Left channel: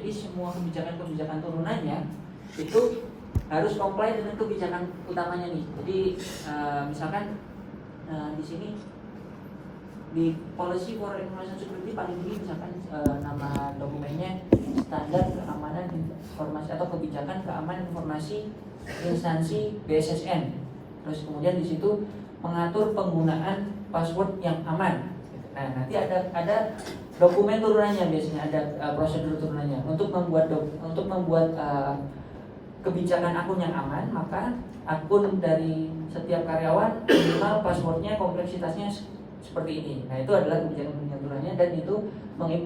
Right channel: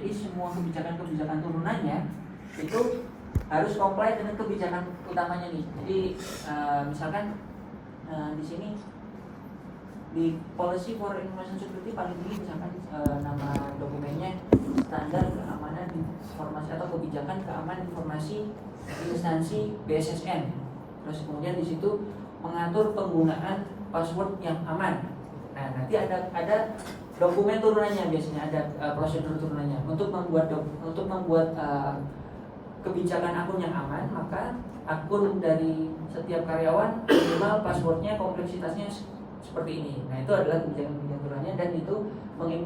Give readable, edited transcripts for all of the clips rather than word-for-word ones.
Jadi semua kebijakan-kebijakan turunannya itu harus comply dengan kebijakan utamanya nih. Jadi misalkan di sini di Policy for Information Security paling tinggi misalkan nama dokumennya standar keamanan informasi atau kebijakan keamanan informasi instansi BSSN. Terus kemudian di situ mengatur penggunaan password yang aman. Nah, nanti ada dokumen turunannya, biasanya ada prosedur turunannya untuk membuat kebijakan akun yang aman. Maka akun dari setiap karyawan minimal passwordnya kompleksitasnya seperti ini. Nah, itu adalah kebijakan turunannya, dan itu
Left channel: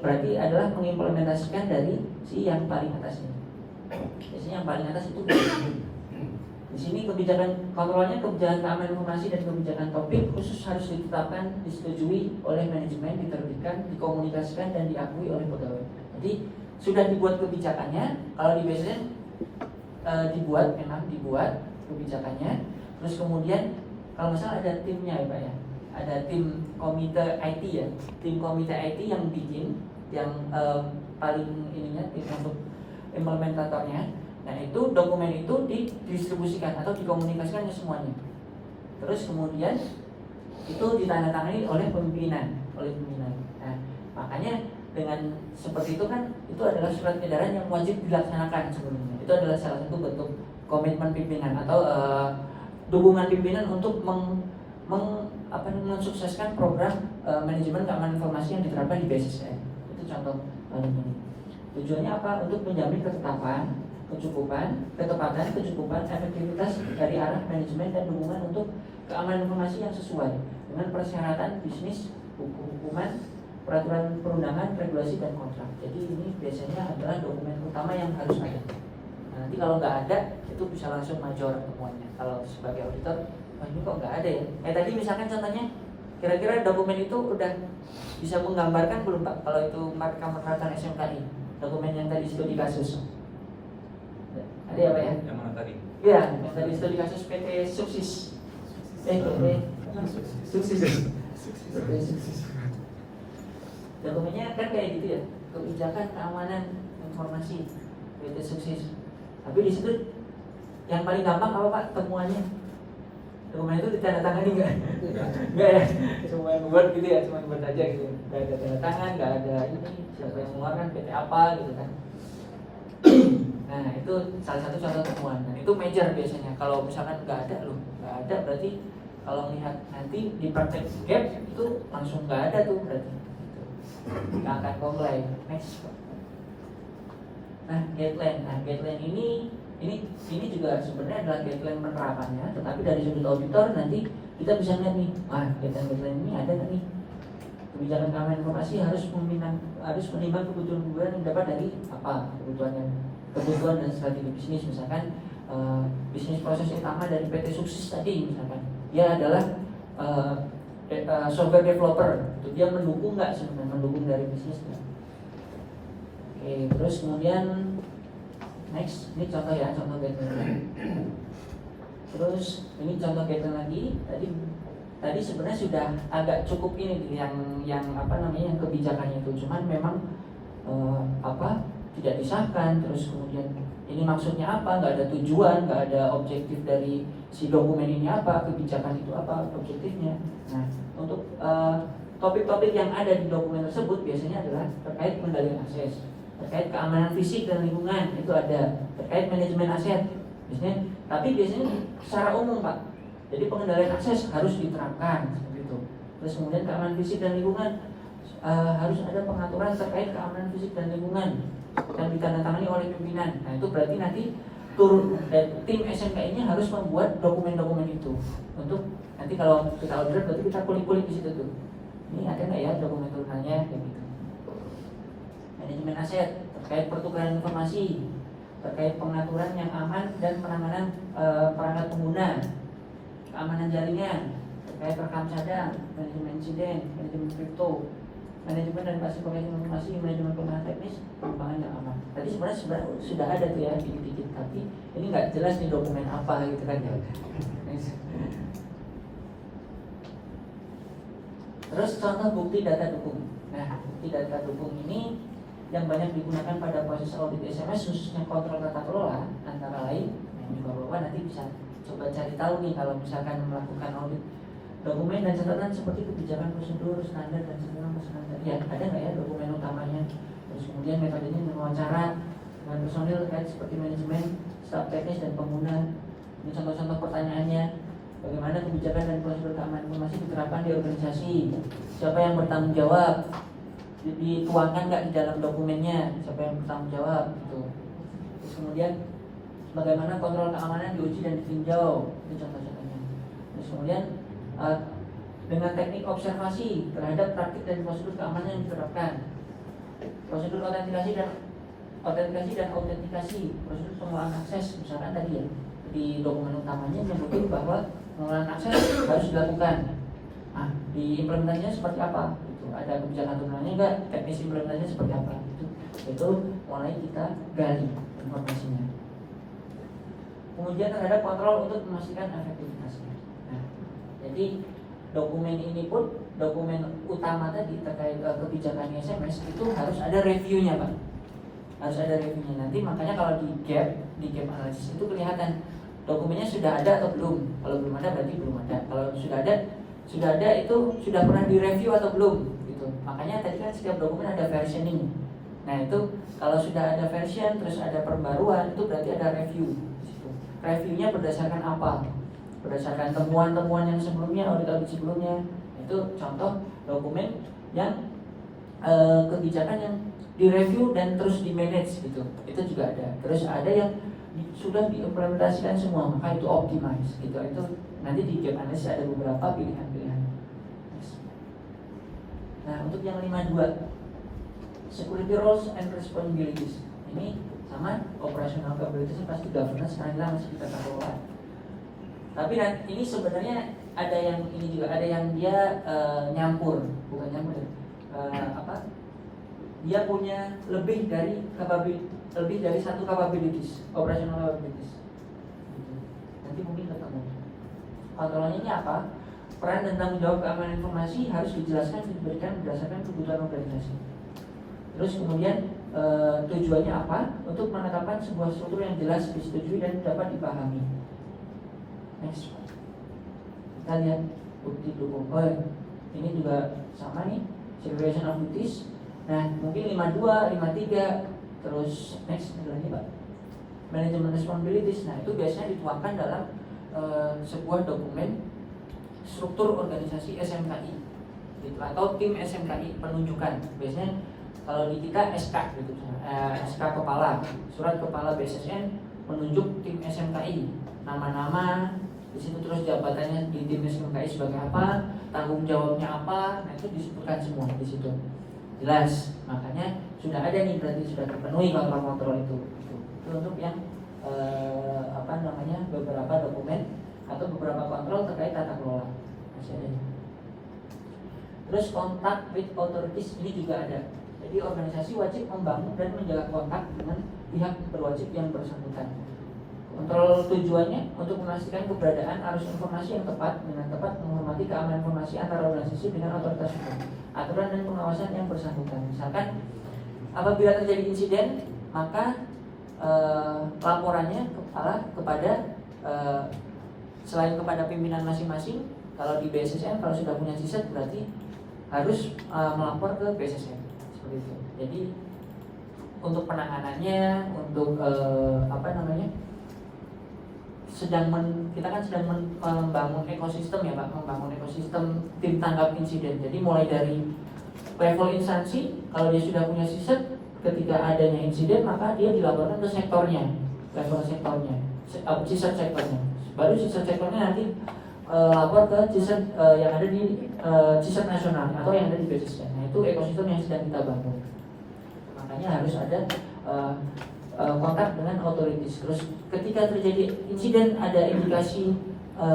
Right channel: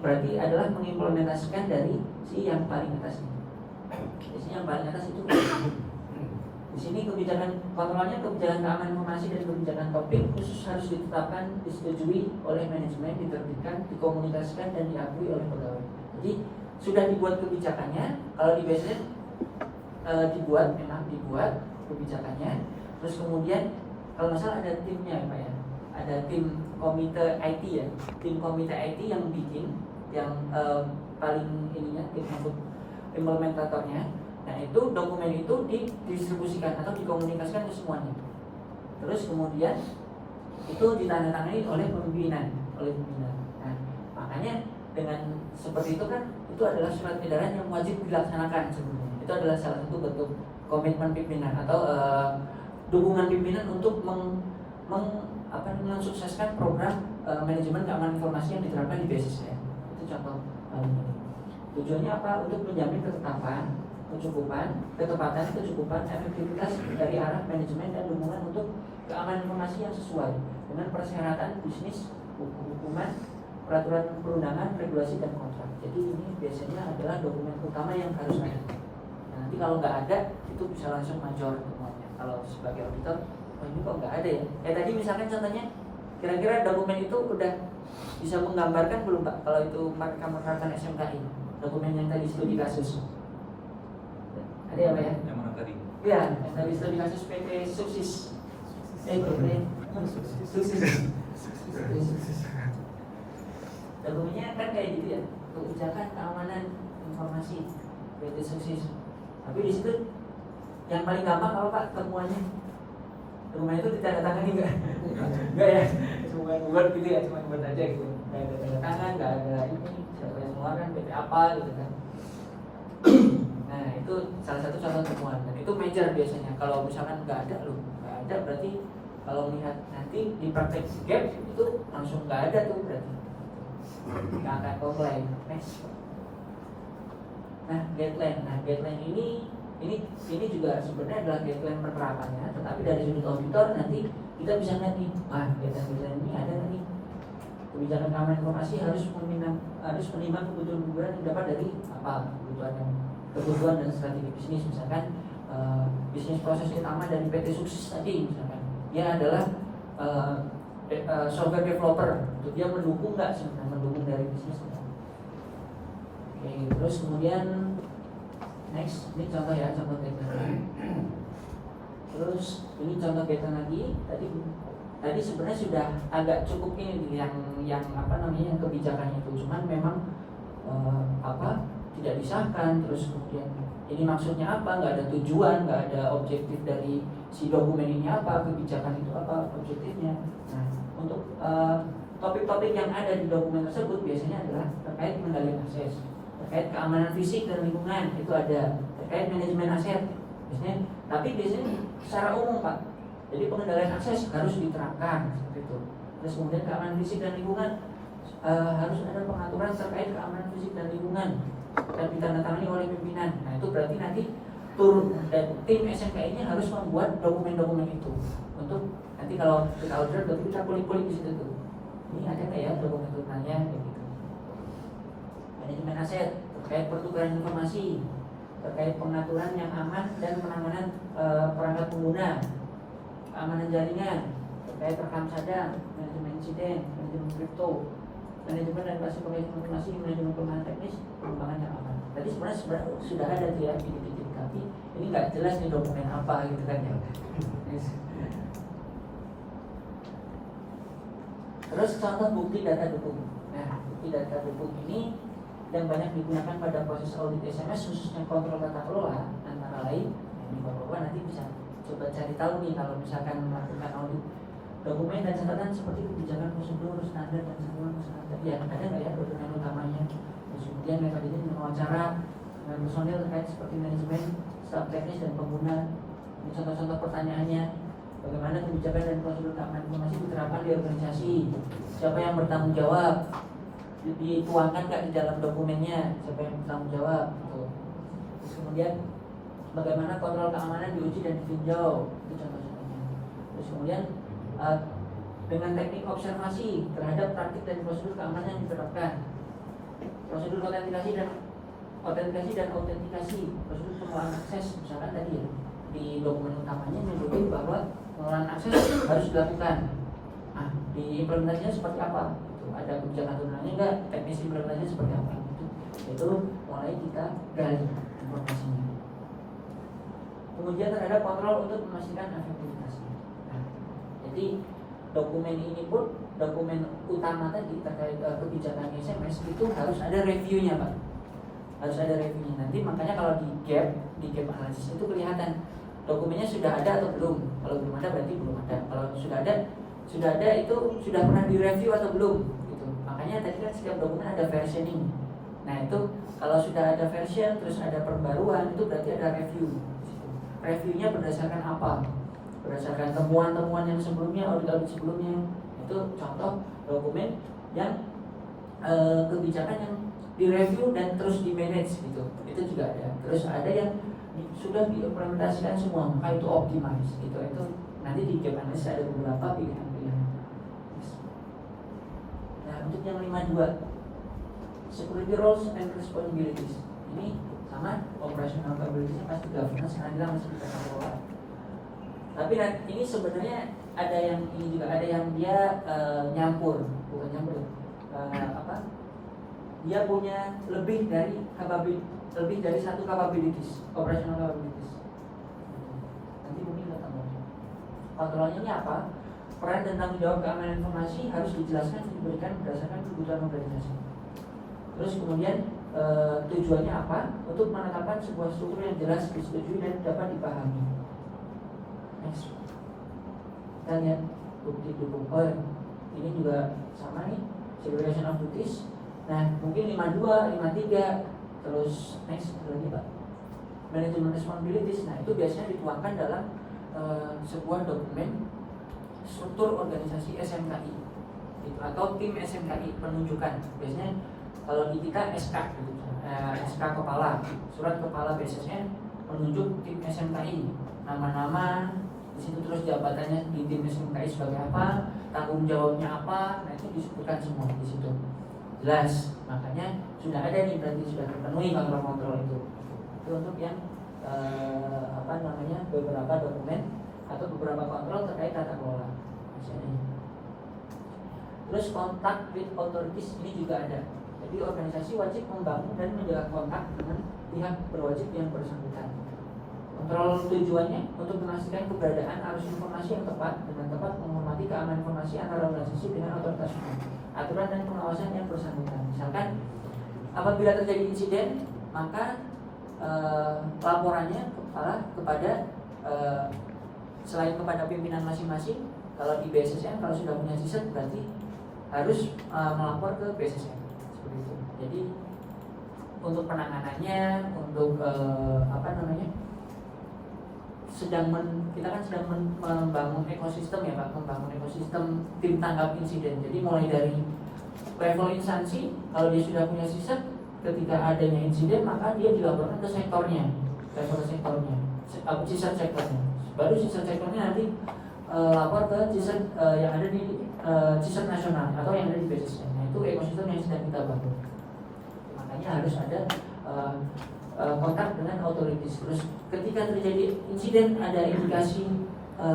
berarti adalah mengimplementasikan dari si yang paling atas ini. Biasanya yang paling atas itu di sini kebijakan kontrolnya, kebijakan keamanan informasi dan kebijakan topik khusus harus ditetapkan, disetujui oleh manajemen, diterbitkan, dikomunikasikan dan diakui oleh pegawai. Jadi sudah dibuat kebijakannya. Kalau di BSSN memang dibuat kebijakannya. Terus kemudian kalau nggak salah ada timnya ya Pak ya. Ada tim komite IT ya, tim komite IT yang bikin, yang paling ininya tim untuk implementatornya. Nah, itu dokumen itu didistribusikan atau dikomunikasikan ke semuanya. Terus kemudian itu ditandatangani oleh pimpinan. Nah, makanya dengan seperti itu kan, itu adalah surat edaran yang wajib dilaksanakan sebelumnya. Itu adalah salah satu bentuk komitmen pimpinan atau dukungan pimpinan untuk mensukseskan program manajemen keamanan informasi yang diterapkan di BSSN. Itu contoh paling ini. Tujuannya apa? Untuk menjamin ketepatan, efektivitas dari arah manajemen dan dukungan untuk keamanan informasi yang sesuai dengan persyaratan bisnis, hukuman, peraturan perundangan, regulasi dan kontrak. Jadi ini biasanya adalah dokumen utama yang harus ada. Nah, nanti kalau nggak ada, itu bisa langsung major temuannya. Kalau sebagai auditor, ini kok nggak ada ya? Tadi misalkan contohnya, kira-kira dokumen itu udah bisa menggambarkan belum Pak? Kalau itu mereka SMKI, dokumen yang tadi studi kasus. Tadi apa ya? Yang mana tadi? Iya, yang tadi studi kasus PT Suksis. Suksis. Dokumennya kan kayak gitu ya, kebijakan keamanan informasi PT Suksis. Tapi di situ yang paling gampang apa Pak temuannya? Dokumen itu ditandatangani nggak? Nggak ya, cuma buat gitu ya, cuma buat aja gitu. Nggak ada tanda tangan, nggak ada ini siapa yang mengeluarkan, PT apa gitu kan. Nah, itu salah satu contoh temuan, dan itu major biasanya. Kalau misalkan nggak ada berarti kalau melihat nanti di praktek gap itu langsung nggak ada tuh berarti. Nggak akan comply. Next. Nah, guideline ini juga sebenarnya adalah guideline penerapannya, tetapi dari sudut auditor nanti kita bisa lihat nih, guideline ini ada nggak nih? Kebijakan keamanan informasi harus menimbang kebutuhan yang dapat dari apa kebutuhan dan strategi bisnis. Misalkan bisnis proses utama dari PT Suksis tadi, misalkan dia adalah software developer, itu dia mendukung nggak sebenarnya, mendukung dari bisnisnya. Oke, terus kemudian next, ini contoh ya, contoh guideline. Terus ini contoh guideline lagi. Tadi sebenarnya sudah agak cukup ini yang kebijakannya itu, cuman memang tidak disahkan. Terus kemudian ini maksudnya apa? Nggak ada tujuan, nggak ada objektif dari si dokumen ini apa, kebijakan itu apa objektifnya. Nah, untuk topik-topik yang ada di dokumen tersebut biasanya adalah terkait pengendalian akses, terkait keamanan fisik dan lingkungan, itu ada, terkait manajemen aset biasanya, tapi biasanya secara umum Pak. Jadi pengendalian akses harus diterapkan seperti itu. Terus kemudian keamanan fisik dan lingkungan, harus ada pengaturan terkait keamanan fisik dan lingkungan yang ditandatangani oleh pimpinan. Nah, itu berarti nanti dan tim SMKI-nya harus membuat dokumen-dokumen itu untuk nanti kalau kita order berarti kita kulik-kulik di situ tuh. Ini ada nggak ya dokumen turunannya kayak gitu. Manajemen aset terkait pertukaran informasi, terkait pengaturan yang aman dan penanganan perangkat pengguna, keamanan jaringan, terkait rekam cadang, manajemen insiden, manajemen kripto, manajemen dan klasifikasi informasi, manajemen kelemahan teknis, pengembangan yang aman. Tadi sebenarnya sudah ada tuh ya dikit-dikit, tapi ini nggak jelas nih dokumen apa gitu kan ya. Terus contoh bukti data dukung. Nah, bukti data dukung ini yang banyak digunakan pada proses audit SMS khususnya kontrol tata kelola antara lain. Nah, ini Bapak-bapak nanti bisa coba cari tahu nih kalau misalkan melakukan audit dokumen dan catatan seperti kebijakan, prosedur, standar dan semua standar. Ya, ada nggak ya dokumen utamanya? Terus kemudian metodenya wawancara dengan personil terkait seperti manajemen, staf teknis dan pengguna. Ini contoh-contoh pertanyaannya. Bagaimana kebijakan dan prosedur keamanan informasi diterapkan di organisasi? Siapa yang bertanggung jawab? Dituangkan nggak di dalam dokumennya? Siapa yang bertanggung jawab? Gitu. Terus kemudian bagaimana kontrol keamanan diuji dan ditinjau? Itu contoh-contohnya. Terus kemudian dengan teknik observasi terhadap praktik dan prosedur keamanan yang diterapkan, prosedur autentikasi dan autentikasi, prosedur pengelolaan akses, misalkan tadi ya di dokumen utamanya menyebutin bahwa pengelolaan akses harus dilakukan. Nah, di implementasinya seperti apa? Itu ada kebijakan turunannya enggak? Teknis implementasinya seperti apa? Itu mulai kita gali informasinya. Kemudian terhadap kontrol untuk memastikan efektivitas. Nah, jadi dokumen ini pun, dokumen utama tadi terkait kebijakan SMS itu harus ada reviewnya, Pak. Harus ada reviewnya. Nanti makanya kalau di gap analisis itu kelihatan dokumennya sudah ada atau belum. Kalau belum ada berarti belum ada. Kalau sudah ada itu sudah pernah direview atau belum gitu. Makanya tadi kan setiap dokumen ada versioning. Nah, itu kalau sudah ada version terus ada perbaruan itu berarti ada review. Reviewnya berdasarkan apa? Berdasarkan temuan-temuan yang sebelumnya, audit-audit sebelumnya. Itu contoh dokumen yang kebijakan yang direview dan terus di manage gitu. Itu juga ada. Terus ada yang sudah diimplementasikan semua, maka itu optimize gitu. Itu nanti di gap analysis ada beberapa pilihan-pilihan. Nah, untuk yang 52 security roles and responsibilities. Ini sama operational capabilities pasti governance karena masih kita kelola. Tapi ini sebenarnya ada yang ini juga ada yang dia nyampur, bukan nyampur dia punya lebih dari satu capabilities, operational capabilities. Nanti mungkin ketemu. Kontrolnya ini apa? Peran dan tanggung jawab keamanan informasi harus dijelaskan dan diberikan berdasarkan kebutuhan organisasi. Terus kemudian tujuannya apa? Untuk menetapkan sebuah struktur yang jelas, disetujui dan dapat dipahami. Next. Kita lihat bukti dukung. Oh ya, ini juga sama nih, segregation of duties. Nah, mungkin 52, 53. Terus next lagi Pak, manajemen responsibilities. Nah, itu biasanya dituangkan dalam sebuah dokumen struktur organisasi SMKI gitu, atau tim SMKI penunjukan. Biasanya kalau di kita SK gitu, SK kepala, surat kepala BSSN menunjuk tim SMKI, nama-nama di situ, terus jabatannya di tim SMKI sebagai apa, tanggung jawabnya apa. Nah, itu disebutkan semua di situ. Jelas, makanya sudah ada nih, berarti sudah terpenuhi kontrol itu. Itu untuk yang beberapa dokumen atau beberapa kontrol terkait tata kelola. Masih ada. Terus kontak with authorities ini juga ada. Jadi organisasi wajib membangun dan menjaga kontak dengan pihak berwajib yang bersangkutan. Kontrol tujuannya untuk memastikan keberadaan arus informasi yang tepat dengan tepat menghormati keamanan informasi antara organisasi dengan otoritas hukum, aturan dan pengawasan yang bersangkutan. Misalkan apabila terjadi insiden, maka laporannya kepada selain kepada pimpinan masing-masing. Kalau di BSSN kalau sudah punya CISET berarti harus melapor ke BSSN seperti itu. Jadi untuk penanganannya, untuk kita kan sedang membangun ekosistem ya Pak, membangun ekosistem tim tanggap insiden. Jadi mulai dari level instansi, kalau dia sudah punya CISET, ketika adanya insiden maka dia dilaporkan ke sektornya, level sektornya, CISET sektornya. Baru CISET sektornya nanti lapor ke CISET yang ada di CISET nasional atau yang ada di BSSN. Nah, itu ekosistem yang sedang kita bangun. Makanya harus ada kontak dengan authorities. Terus ketika terjadi insiden ada indikasi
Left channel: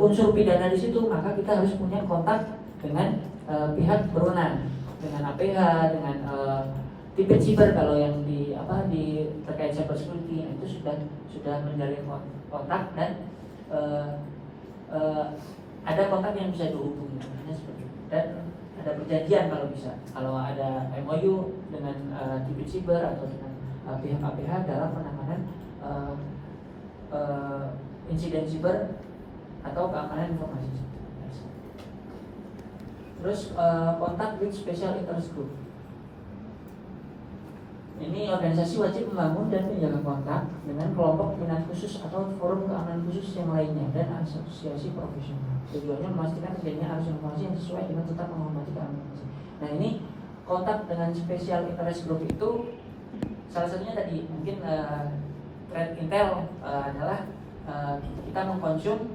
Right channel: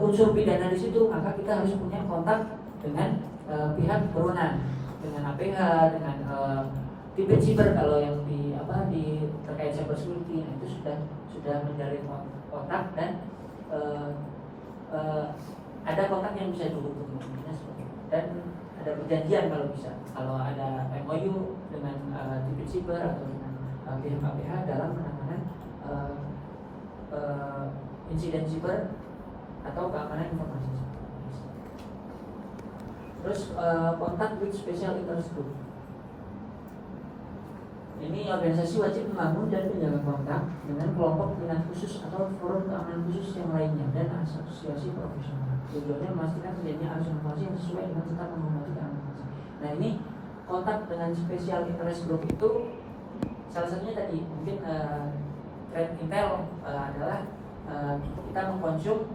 unsur pidana di situ, maka kita harus punya kontak dengan pihak berwenang, dengan APH, dengan tim cyber kalau yang di terkait cyber security. Nah, itu sudah menjalin kontak dan ada kontak yang bisa dihubungi. Dan ada perjanjian kalau bisa, kalau ada MOU dengan Divisi Siber atau dengan pihak KPH dalam penanganan insiden siber atau keamanan informasi. Terus kontak with special interest group. Ini organisasi wajib membangun dan menjaga kontak dengan kelompok minat khusus atau forum keamanan khusus yang lainnya dan asosiasi profesional. Tujuannya memastikan terjadinya arus informasi yang sesuai dengan tetap menghormati keamanan. Nah, ini kontak dengan special interest group itu salah satunya tadi mungkin threat intel adalah kita mengkonsum